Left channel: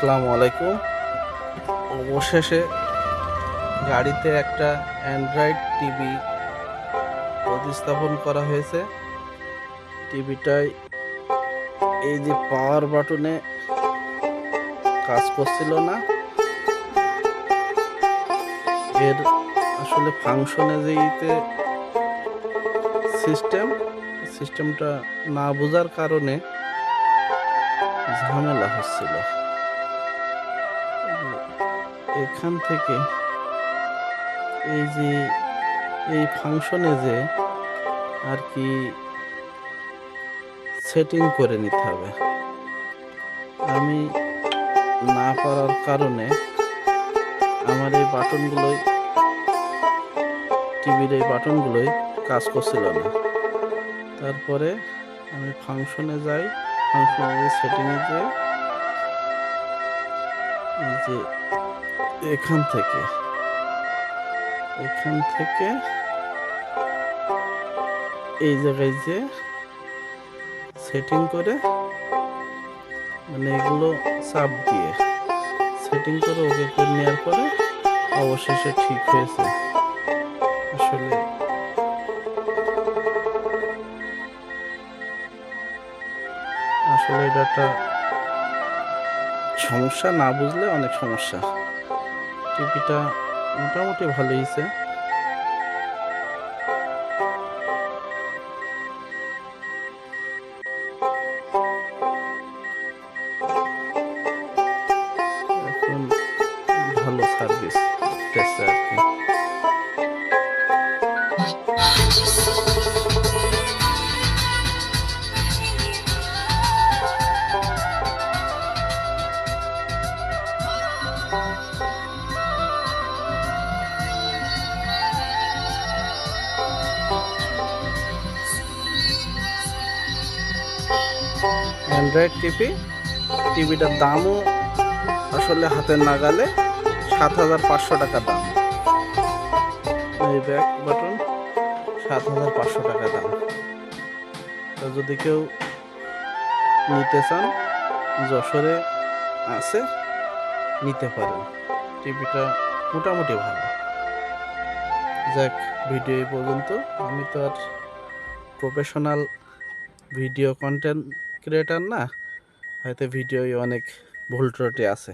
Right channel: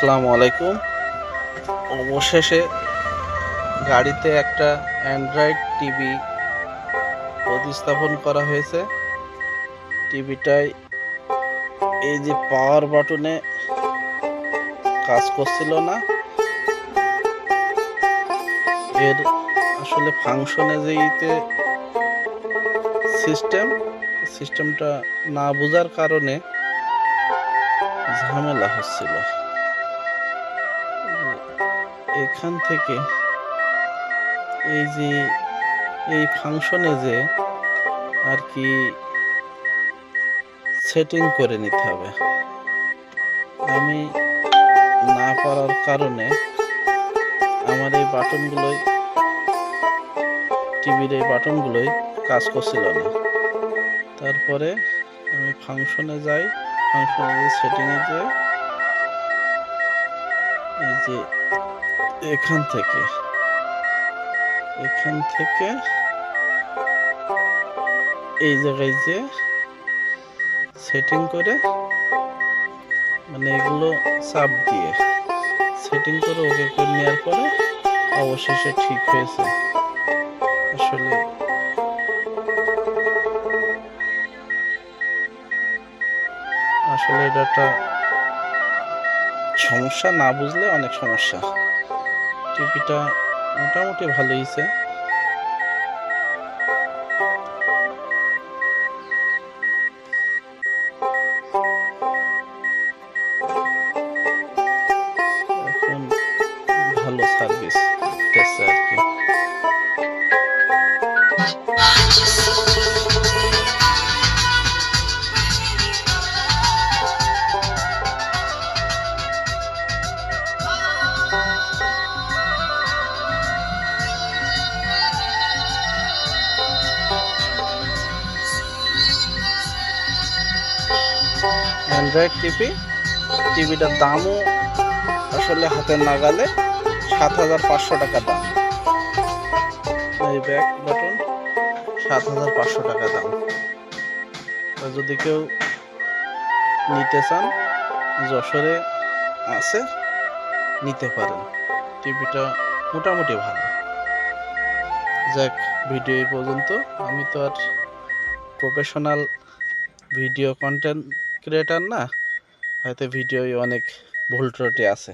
আসসালামু আলাইকুম। অবশেষে গাড়িতে একটা অ্যান্ড্রয়েড টিভি প্রতিস্থাপন করা হয়েছে। টিভিটায় এই যে পাওয়ার বাটনে কাজ করছিল না, এর আসলে ফাংশনে যেইতে সিস্টেমটা না বোঝার কারণে ঝামেলা হচ্ছিল। এখান থেকে এই যে এই ফাংশনে যে আর কি সেটিং করে নিতে হবে। আমি না পারার কারণে আমার এই টিভির এই বাটনগুলোই কাজ করছিল না। তারপরে আমি ফাংশনে যাই, ফাংশনে সেটিংয়ে যাই, এই যে এখান থেকে এই জায়গায় যে সেটিং করে, মানে এগুলো চাপ দিয়ে সেটিং করে ওকে করে নেওয়ার পরে অবশেষে ঠিক হয়েছে। আসলে এটা একটা সমস্যা, না বুঝলে অনেক সমস্যা। টিভিটা মোটামুটি ভালো হয়েছে। এখন ভালো সার্ভিস দিতেছে আর কি। অ্যান্ড্রয়েড টিভিটার দামও আসলে হাতের নাগালে ৭,৫০০ টাকা দাম। এই ব্যাক বাটন ৭,৫০০ টাকা দাম। তো যদি কেউ নিতে চান, যশোরে আছে, নিতে পারেন। টিভিটা মোটামুটি ভালো। যাক, ভিডিও এই পর্যন্ত। আমি তো আর প্রফেশনাল ভিডিও কন্টেন্ট ক্রিয়েটার না, হয়তো ভিডিওয় অনেক ভুল ত্রুটি আছে।